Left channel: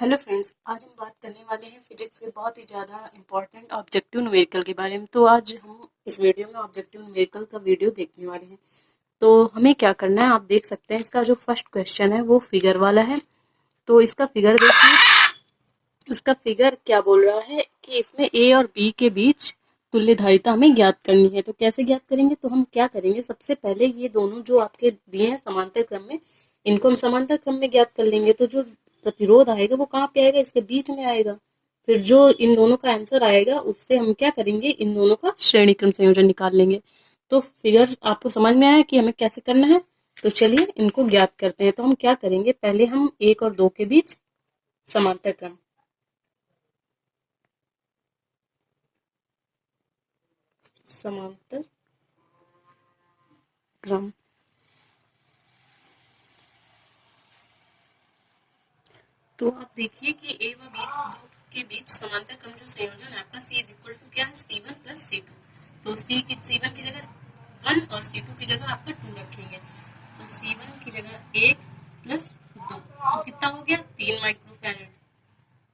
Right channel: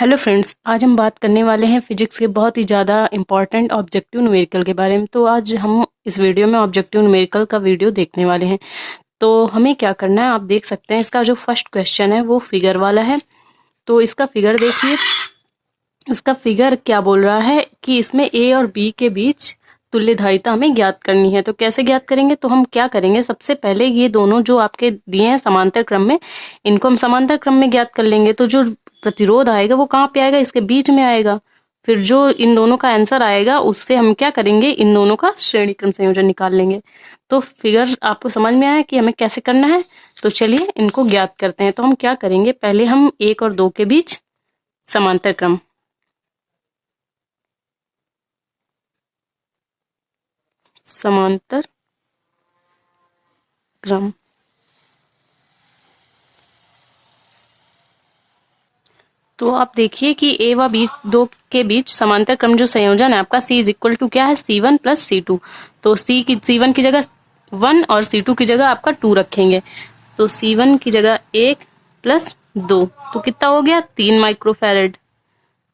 Hello friends, आज हम बात करने वाले हैं फिजिक्स के बहुत ही ज़्यादा इम्पॉर्टेंट ऑब्जेक्टिव न्यूमेरिकल के बारे में। तो आज हम इस वीडियो में ऑब्जेक्टिव न्यूमेरिकल का वीडियो देखने वाले हैं। तो हमें क्या करना है, आप देख सकते हैं इसका जो फर्स्ट क्वेश्चन है वो फिगर वाला है। तो इसका फिगर देखिए, इसका फिगर क्या बोल रहा है कि इसमें ए और बी के बीच तुल्यधारिता हमें ज्ञात करनी है। तो कैसे ज्ञात करेंगे, तो हम क्या करेंगे, सबसे पहले ये दोनों जो आपके दिए हैं समांतर क्रम में, इनको हम समांतर क्रम में ज्ञात कर लेंगे। तो जो प्रतिरोध आएगा वो कहाँ पे आएगा, इसके बीच में आएगा। फिर जो इन दोनों का आंसर आएगा उससे हम क्या करेंगे, इन दोनों का श्रेणी क्रम संयोजन निकाल लेंगे। तो फिगर आपको समझ में आया कि हमें कैसे करना है। तो चलिए इनको ज्ञात करते हैं। तो हम क्या करेंगे, पहले हम 1 और 2 के बीच समांतर क्रम, समांतर क्रम। तो आप देखिए कि ए व बी दो के बीच समांतर क्रम जो संयोजन है आपका C इज इक्वल टू क्या है, C1 प्लस C2। तो C1 की जगह 1 और C2 की जगह आपका 2 रखेंगे। तो C1 की जगह 1 प्लस 2, तो कितना हो गया, 3 माइक्रोफैरड।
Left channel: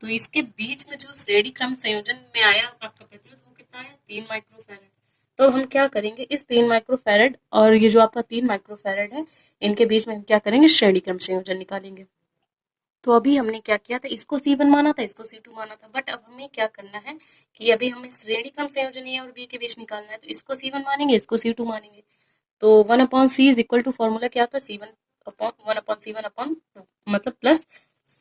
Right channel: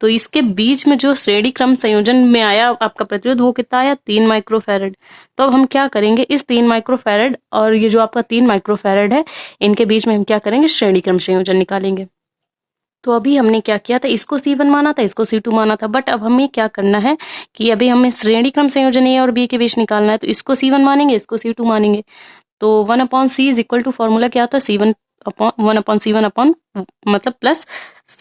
तो इसके बीच में जो श्रेणी क्रम संयोजन में आया आपका प्रतिरोध वो कितना आया, 3 माइक्रोफैरड। तो अब हम क्या करेंगे, इस 3 माइक्रोफैरड और ये जो आपका 3 माइक्रोफैरड है, इनके बीच में हम क्या करेंगे, श्रेणी क्रम संयोजन निकालेंगे। तो अभी हमने क्या किया था, इसको C1 माना था, इसको C2 माना था। बट अब हमें क्या करना है कि अभी हमें श्रेणी क्रम संयोजन ए और बी के बीच निकालना है। तो इसको C1 मानेंगे, इसको C2 मानेंगे। तो 1/C is equal to formula क्या था, C1 अपॉन 1/C1 अपॉन मतलब प्लस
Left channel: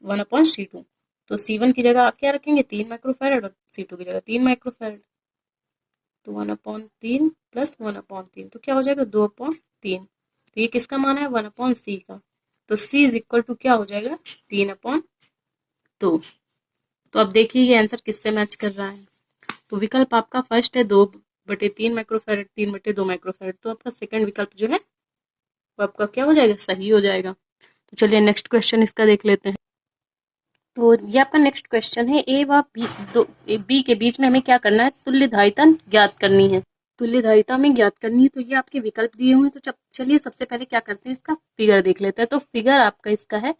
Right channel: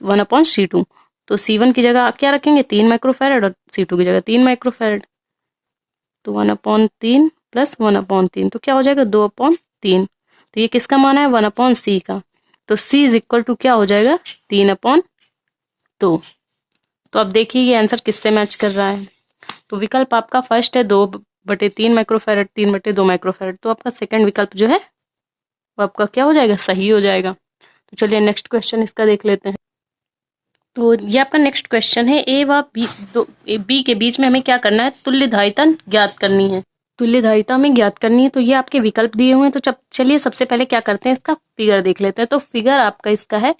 1/C2। तो C1 की जगह क्या रखेंगे, 3 माइक्रोफैरड, और C2 की जगह 3 माइक्रोफैरड। तो 1/3 प्लस 1/3, तो क्या हो जाएगा, 2/3। तो ये किसका माना है, 1/C का। तो C इज इक्वल टू क्या हो जाएगा, 3/2। तो अब देखिए ये आंसर किससे मैच कर रहा है। तो विकल्प आपका फर्स्ट है 2/3 माइक्रोफैरड, 3/2 माइक्रोफैरड। तो आपका सेकंड विकल्प जो है वो आपका क्या हो जाएगा, सही हो जाएगा। तो चलिए नेक्स्ट क्वेश्चन इसका देख लेते हैं। तो ये आपका नेक्स्ट क्वेश्चन है, ए व बी के बीच में हमें क्या करना है, तुल्यधारिता ज्ञात करनी है। तुल्यधारिता में ज्ञात करनी है, तो ये आपके विकल्प दिए हुए हैं। तो चलिए सबसे पहले क्या करते हैं, इसका फिगर देख लेते हैं। तो फिगर आपका इसका है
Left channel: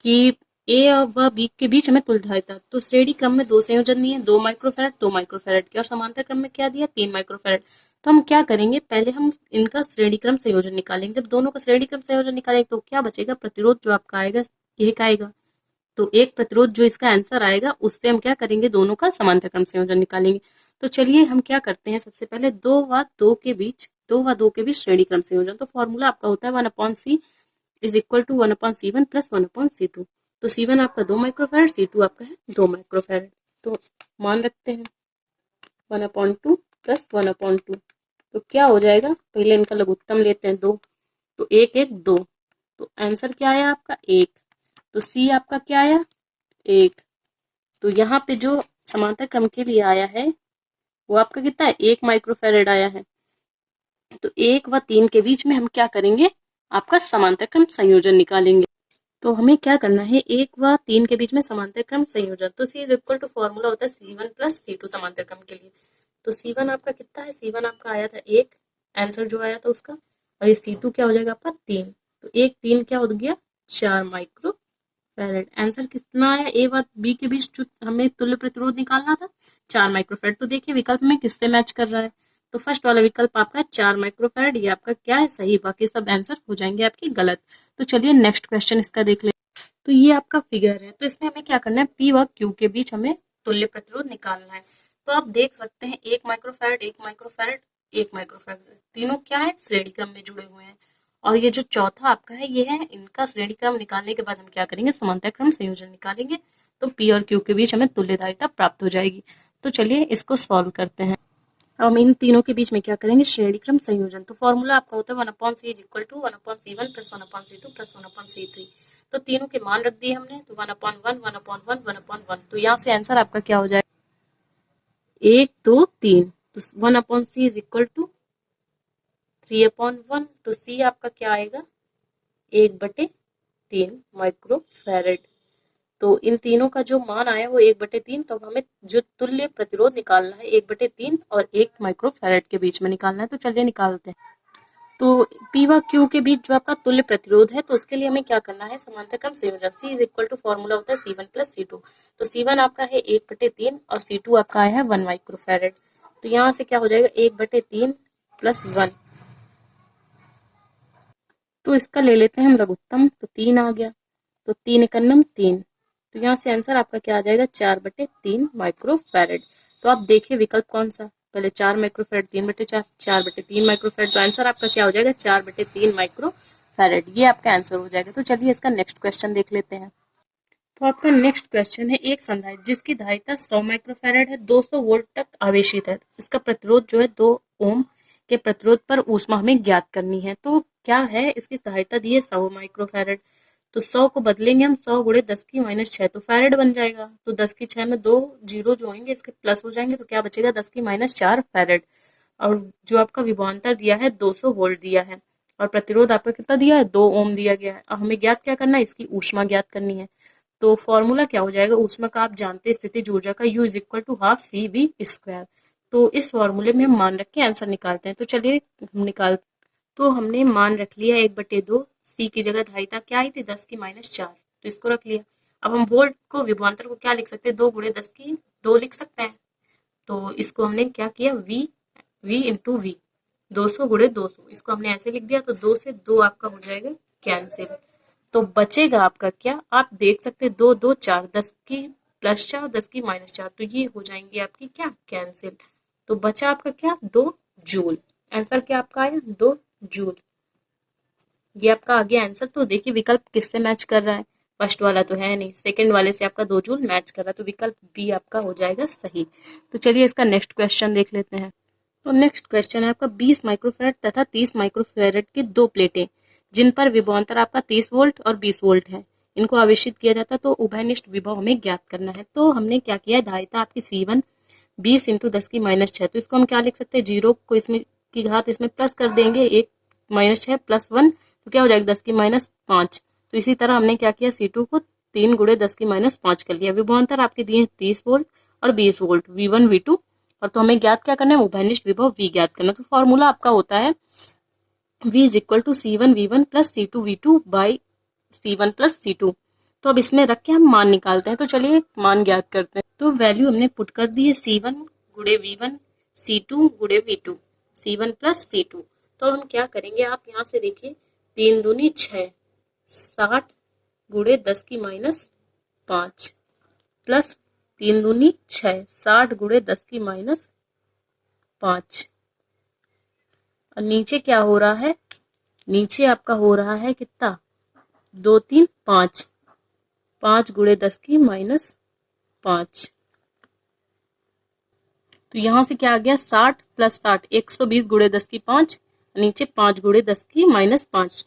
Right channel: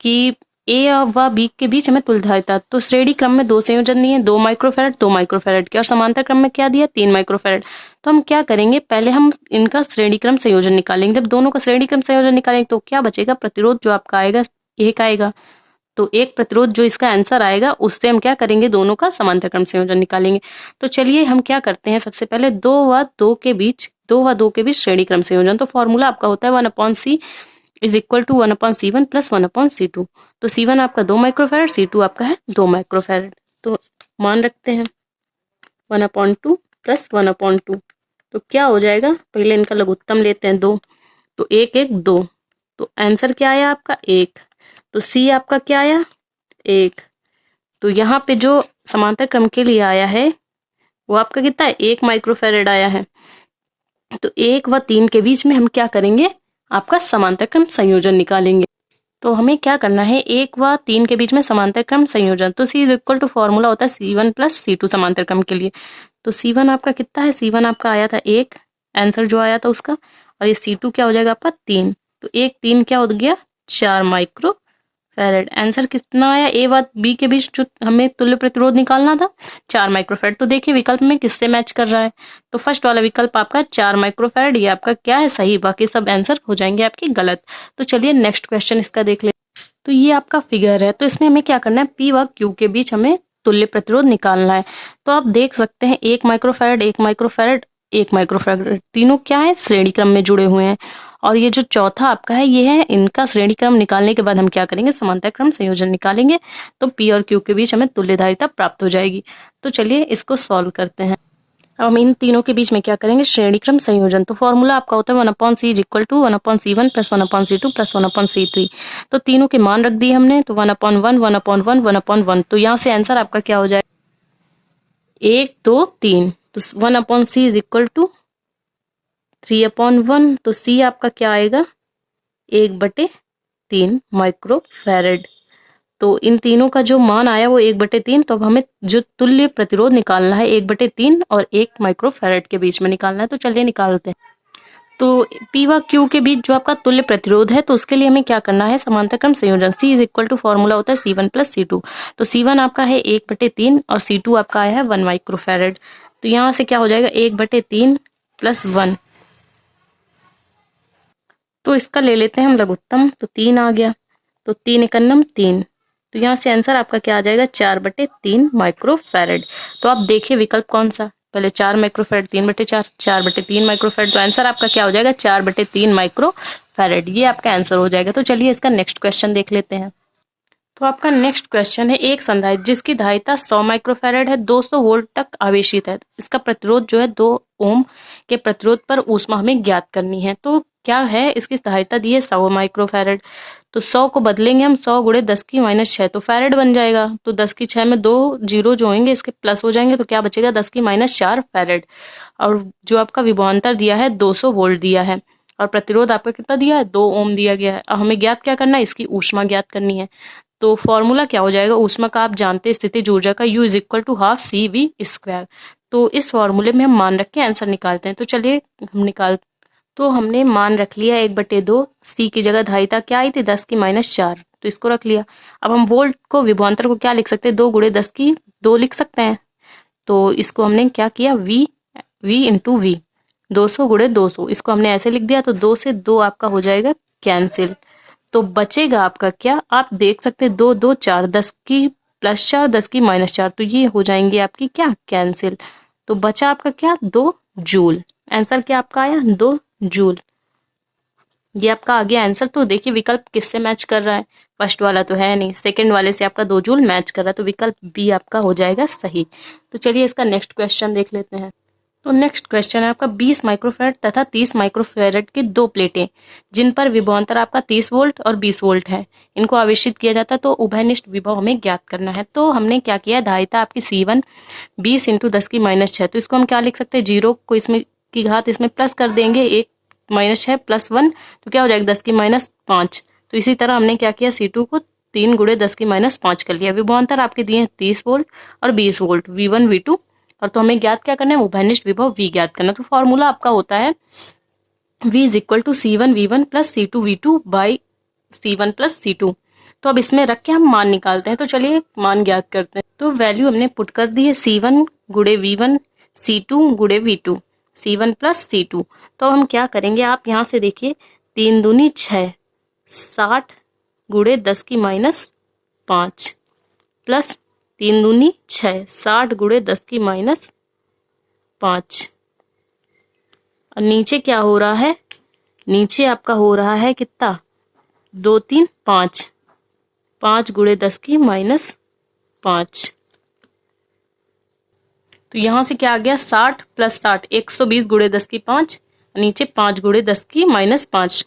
कि ए व बी के बीच हमें तुल्यधारिता, तो श्रेणी क्रम में 2 संयोजन दिए, 2 माइक्रोफैरड 2 माइक्रोफैरड के, और समांतर क्रम में क्या दिया, 3 माइक्रोफैरड। तो हम क्या करेंगे, पहले हम इनका श्रेणी क्रम संयोजन निकालेंगे। जब दोनों का श्रेणी क्रम संयोजन निकालेंगे तो क्या बचेगा, प्रतिरोध जो आपका आएगा एक आएगा। तो एक प्रतिरोध जो इसका आंसर आएगा उससे हम क्या करेंगे, दोनों का समांतर क्रम संयोजन निकालेंगे। तो चलिए हम क्या करते हैं, सबसे पहले 2 व 2 के बीच श्रेणी क्रम संयोजन। तो फॉर्मूला आपका होता है 1/C is equal to 1/C1 plus 1/C2। तो C1 आपका 2 माइक्रोफैरड, C2 आपका है 2 माइक्रोफैरड। तो मान रखते हैं 1/2 प्लस 1/2। तो क्या हो जाएगा, पहले इनका लघुत्तम लेते हैं 2। तो 1 1 2। तो आंसर क्या आया आपका, 1। तो C आपका क्या आया, 1। तो यहाँ पे जो समांतर क्रम के लिए आया है वो आपका कितना है, 1 माइक्रोफैरड आया है। तो 1 व 3 के बीच में हम क्या करेंगे, आपका समांतर क्रम संयोजन निकालेंगे। तो हमें क्या करना है, 1 व 3 के बीच में समांतर क्रम संयोजन। तो C is equal to formula होता है C1 प्लस C2 समांतर क्रम के लिए। तो C1 आपका कितना है, C1 आपका आया था 1, आंसर जो आया था उसका, और ये C2 क्या हो जाएगा आपका 3। तो 1 3 क्या हो गया, 4 माइक्रो फैरेड। आंसर कितना आया, ए व बी के बीच जो हमें तुल्य प्रतिरोध निकालना था, 4 माइक्रोफैरड। तो देखिए विकल्प में किससे मैच कर रहा है। तो फर्स्ट वाला विकल्प आपका 4 माइक्रोफैरड, ये आपका क्या है, सही। बाकी सब आंसर हो जाएंगे आपके गलत। तो चलिए नेक्स्ट क्वेश्चन इसका देख ले। तो ये आपका फिगर है, तो इसमें हमें क्या करना है, पी व क्यू के बीच हमें तुल्य प्रतिरोध निकालना है। तो आप देख सकते हैं 1 माइक्रोफैरड 1 माइक्रोफैरड 1 माइक्रोफैरड, तीनों क्या है, श्रेणी क्रम में जुड़े हुए हैं। और ये जो चौथा आपका है ये है, इनका श्रेणी क्रम निकालने के बाद हम क्या करेंगे, समांतर क्रम संयोजन निकालेंगे। तो पी और क्यू के बीच हमें तुल्यधारिता प्राप्त हो जाएगी। तो चलिए इसको सॉल्व करते हैं। अब हम इन तीनों के बीच में क्या करेंगे, श्रेणी क्रम संयोजन। तो फॉर्मूला आपका होता है 1/C is equal to 1/C1 plus 1/C2 plus 1/C3। तो तीनों के मान रख दिए हमने, तो 1/1 1/1 1/1। तो यहाँ से आंसर आपका क्या हो जाए, 1 2 3। तो 1/C इज इक्वल टू 3/1। तो C आपका क्या आएगा, 1/3 माइक्रोफैरड। तो इन तीनों का जो मान आया वो 1/3। तो अब हमें जो तुल्य प्रतिरोध निकालना है 1/3 और 1 माइक्रोफैरड के बीच में निकालना है। तो चलिए निकालते हैं। तो P व Q के बीच जो आपका तुल्य प्रतिरोध है, तो उसके लिए हमें क्या करना है, समांतर क्रम संयोजन। C is equal to formula होता है C1 प्लस C2। तो C1 आपका है 1/3 और C2 आपका आया है 1 माइक्रोफेरेड। तो यहाँ से क्या हो जाएगा 1/3 प्लस 1। तो इसका ले लेते हैं हम लघुत्तम, तो 3 आ गया, तो 3 एकन्नम 3। तो यहाँ से आंसर आपका क्या आ जाएगा 4/3 माइक्रोफेरेड। तो आप देखिए विकल्प कौन सा, पहले 4 माइक्रोफेरेड, 3/4, 4/3 माइक्रोफेरेड। तो आंसर आपका क्या हो जाएगा 4/3 माइक्रोफेरेड। ये आपका आंसर हो जाएगा। तो चलिए इसका नेक्स्ट क्वेश्चन देख लेते हैं। तो आपका नेक्स्ट क्वेश्चन है, एक संधारित्र जिसकी धारिता 100 माइक्रोफैराड है 200 वोल्ट तक आवेशित है, इसका प्रतिरोध जो है 2 ओम के प्रतिरोध पर ऊष्मा हमें ज्ञात करनी है। तो क्या है, इसकी धारिता दी है 100 माइक्रोफैराड। तो 100 को बदलेंगे हम, 100 गुणे 10⁻6 तो फैराड बन जाएगा। तो 10⁻6 में 2 जीरो जो होंगे इसके प्लस हो जाएंगे, तो क्या बचेगा 10⁻4 फैराड। और जो आपका विभवांतर दिया है 200 वोल्ट दिया है, और प्रतिरोध आपका कितना दिया है 2 ओम दिया गया है। अब हमें ज्ञात क्या करना है, इसकी ऊष्मा ज्ञात करनी है। तो फॉर्मूला क्या हो जाएगा, ऊष्मा का आप जानते हैं स्थितिज ऊर्जा का U is equal to half CV²। तो इस फॉर्मूले में हम मान रख के आंसर निकालते हैं। तो चलिए हम निकाल, तो हमने मान रख लिया 1/2। C की जगह धारिता क्या आई थी 10⁻4, तो इसको रख लिया। अब हम वोल्ट को विभवांतर को क्या लिख सकते हैं, 2 गुणे 10⁻2 लिख सकते हैं। तो इसको हमने क्या किया V इंटू V, 200 गुणे 200, इसको हमने ऐसे लिख दिया। तो 2 से 2 आपका हो जाएगा कैंसिल। तो बचेगा आपका क्या, आप देख सकते हैं 2 2 4, 10⁻+4 10⁻⁻4, तो ये हो जाएंगे आपकी क्या कैंसिल। तो बचा आपका क्या 2 जूल। आंसर क्या आपका आया 2 जूल। ये आपका आ गया आंसर। तो देखिए विकल्प किससे मैच कर रहा है, फर्स्ट वाला तो है नहीं, सेकंड वाले से आपका 2 जूल मैच कर रहा है। तो विकल्प बी आपका हो जाएगा सही। तो चलिए इसका नेक्स्ट क्वेश्चन देख लेते हैं। तो नेक्स्ट क्वेश्चन है आपका 20 माइक्रोफैराड तथा 30 माइक्रोफैराड की दो प्लेटें जिन पर विभवांतर आपका 30 वोल्ट और 20 वोल्ट है, इनको आवेशित किया जाता है। तो उभयनिष्ठ विभव हमें ज्ञात करना है। तो हमने क्या किया, धारिता आपकी C1 20 इंटू 10⁻6, तो इसको हम क्या लिख सकते हैं, जीरो को इसमें की घात इसमें प्लस कर देंगे, 1-6 प्लस 1, तो क्या हो जाएगा 10⁻5। तो इसी तरह हमने क्या किया, C2 को 3 गुणे 10⁻5 कर लिया। विभवांतर आपके दिए 30 वोल्ट और 20 वोल्ट V1 V2, और तो हमें ज्ञात क्या करना है, उभयनिष्ठ विभव V ज्ञात करना। तो फॉर्मूला आपका होता है V is equal to C1 V1 plus C2 V2 by C1 plus C2। तो अब इसमें रख के हम मान निकालते हैं। तो चलिए मान ज्ञात करते हैं। तो वैल्यू हमने पुट कर दी है C1 गुणे V1, C2 गुणे V2, C1 प्लस C2। तो हम क्या करेंगे, आप यहाँ से देखिए 3 दूनी 6, 60 गुणे 10⁻5 प्लस 3 दूनी 6, 60 गुणे 10⁻5। और नीचे क्या हो रहा है, नीचे आपका हो रहा है कितना, 2 3 5, 5 गुणे 10⁻5। तो यहाँ से क्या आ गया 60 प्लस 60, 120 गुणे 10⁻5, नीचे 5 गुणे 10⁻5।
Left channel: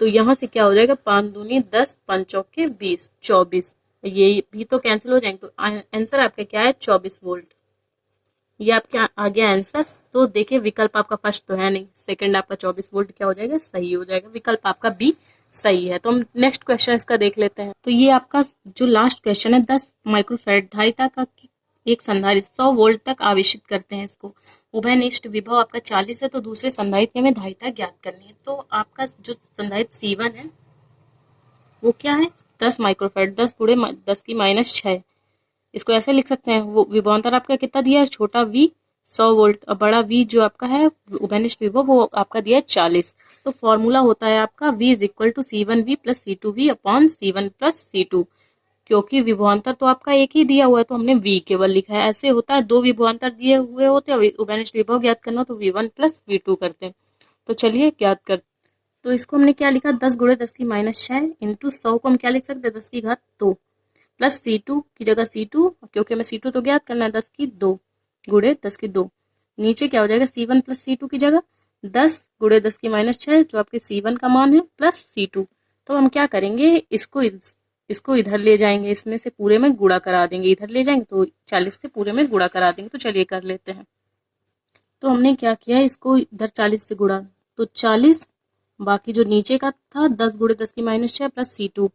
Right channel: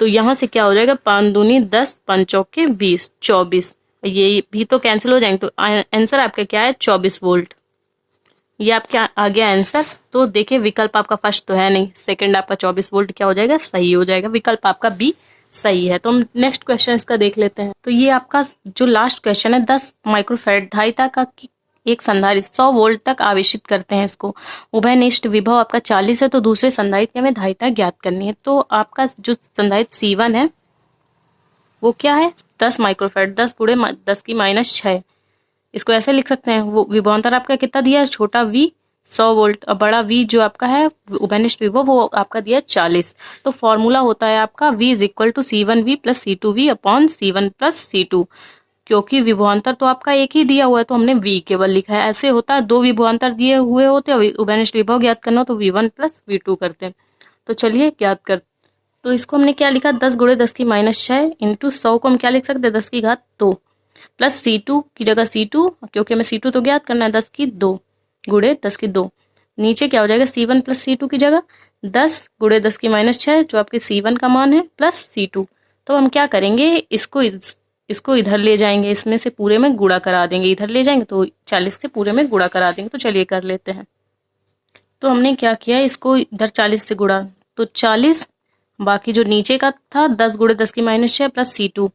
तो यहाँ से क्या हो जाएगा, 5 दूनी 10, 5 चौके 20, 24। ये भी तो कैंसिल हो जाएंगे। तो आंसर आपका क्या है 24 वोल्ट। ये आपका आ गया आंसर। तो देखिए विकल्प आपका फर्स्ट तो है नहीं, सेकंड आपका 24 वोल्ट क्या हो जाएगा, सही हो जाएगा। विकल्प आपका बी सही है। तो हम नेक्स्ट क्वेश्चन इसका देख लेते हैं। तो ये आपका जो लास्ट क्वेश्चन है, 10 माइक्रोफैराड धारिता का एक संधारित्र 100 वोल्ट तक आवेशित करते हैं इसको, उभयनिष्ठ विभव आपका 40 है। तो दूसरे संधारित्र में धारिता ज्ञात करनी है। तो आपका जो संधारित्र C1 है वो क्या है 10 माइक्रोफैराड, 10 गुणे 10⁻6, इसको ऐसे लिख सकते हैं। वो विभवांतर आपका कितना दिया है, छोटा V 100 वोल्ट और बड़ा V जो आपका है उभयनिष्ठ विभव वो आपका दिया है 40। तो फॉर्मूला होता है आपका V is equal to C1V plus C2V upon C1 plus C2। क्योंकि विभवांतर तो आपका एक ही दिया हुआ है तो हमने V केवल लिखा है। ऐसे होता है, दो विभवांतर दिए हुए होते हैं, उभयनिष्ठ विभव ज्ञात करना हो तो V1 प्लस V2 करते हैं। तो चलिए ज्ञात कर, तो इसको हमने क्या लिखा, 10 गुणे 10⁻6 इंटू 100 को हम क्या लिख सकते हैं 10 की घात 2 प्लस C2 की जगह C2, क्योंकि हमें C2 तो ज्ञात करना है, 10 की 2 गुणे 10 की 2। नीचे क्या हो जाएगा C1 प्लस C2 की जगह 10 गुणे 10⁻6 जो आपके C1 का मान है प्लस C2। तो हम क्या करेंगे, इसको इधर ले जाएंगे, इसमें से पूरे में गुणा करा देंगे, इधर ले जाएंगे तो 40 से पूरे में गुणा करा देंगे। तो चलिए कर लेते हैं। तो हमने क्या किया, इसको इधर 40 से गुणा, तो 40, बाकी जो नीचे का था 10 गुणे 10⁻6 प्लस C2,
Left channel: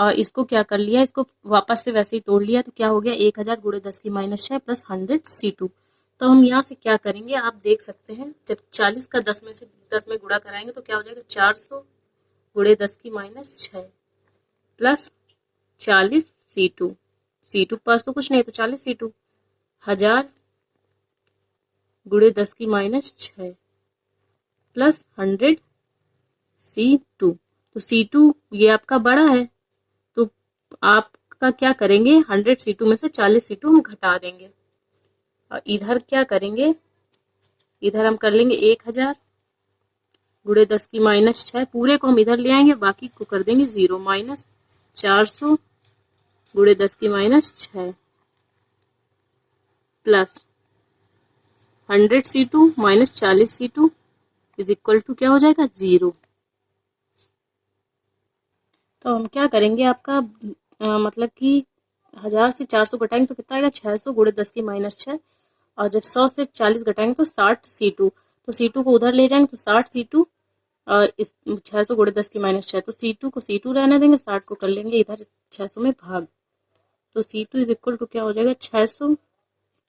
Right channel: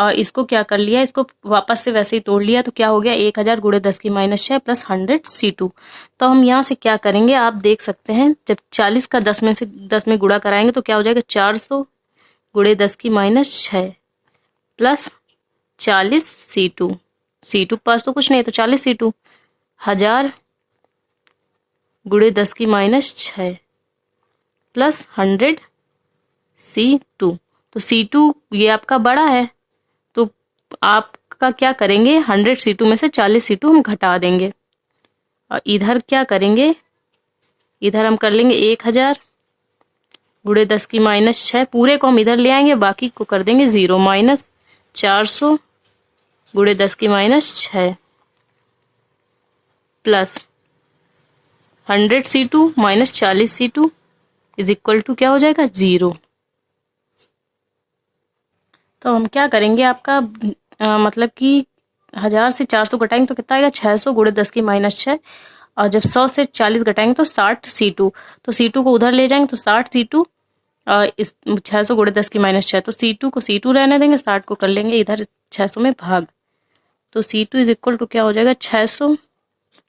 और इसको क्या कर लिया, इसको वापस से वैसे ही तोड़ लिया, तो क्या हो गया 1000 गुणे 10 की माइनस 6 प्लस 100 C2। तो हम यहाँ से क्या करेंगे, आप देख सकते हैं, जब 40 का 10 में से 10 में गुणा कराएंगे तो क्या हो जाएगा 400 गुणे 10 की माइनस 6 प्लस 40 C2। C2 पास तो कुछ नहीं है तो 40 C2, 1000 गुणे 10 की माइनस 6 प्लस 100 C2। तो C2 ये आपका बड़ा है, तो आपका क्या करेंगे 100 C2 में से 40 C2 हम घटा देंगे, और इधर क्या करेंगे, इधर हम कर लेंगे 1000 गुणे 10 की माइनस 6, पूरे को हम इधर ले आएंगे, बाकी को कर देंगे 0, माइनस 400 गुणे 10 की minus 6 plus 100 C2 minus 40 C2 is equal to क्या हो जाएगा 0। तो हम क्या करेंगे, आपका मतलब कि 1000 से 400 घटाएंगे तो कितना आएगा 600 गुणे 10 की माइनस 6, और जब 100 से 40 घटाएंगे तो 60 C2। तो C2 को उधर ले जाएंगे तो 60 C2, इस 600 गुणे 10 की माइनस 6, तो C2 को C2 रहने देंगे, 60 को कर लेंगे इधर 600 में भाग, तो C2 इज इक्वल टू क्या हो जाएगा 600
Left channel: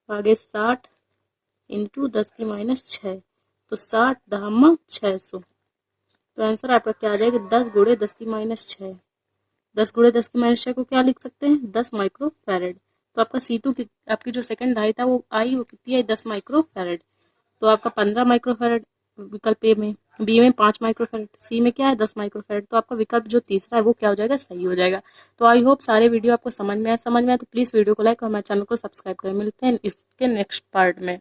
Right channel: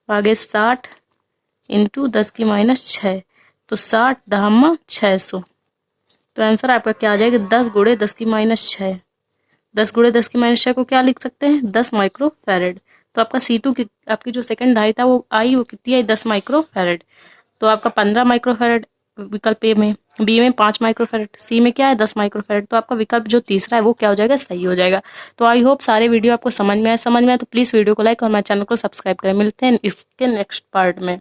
आगे 60 इंटू 10 की माइनस 6, तो 60 दहम्मा 600। तो आंसर आपका क्या आ जाएगा 10 गुणे 10 की माइनस 6। 10 गुणे 10 की माइनस 6 को क्या लिख सकते हैं 10 माइक्रो फैरेड। तो आपका C2 की आपकी जो सेकंड धारिता था वो आई, वो कितनी आई 10 माइक्रो फैरेड। तो आपका 15 माइक्रो फैरेड विकल्प ए में, बी में 5 माइक्रो फैरेड, सी में क्या है 10 माइक्रो फैरेड। तो आपका विकल्प जो तीसरा है वो क्या हो जाएगा सही हो जाएगा। तो आई होप सारे वीडियो आपको समझ में आए तो प्लीज़ वीडियो को लाइक और हमारे चैनल को सब्सक्राइब करें। मिलते हैं इसके नेक्स्ट पार्ट में।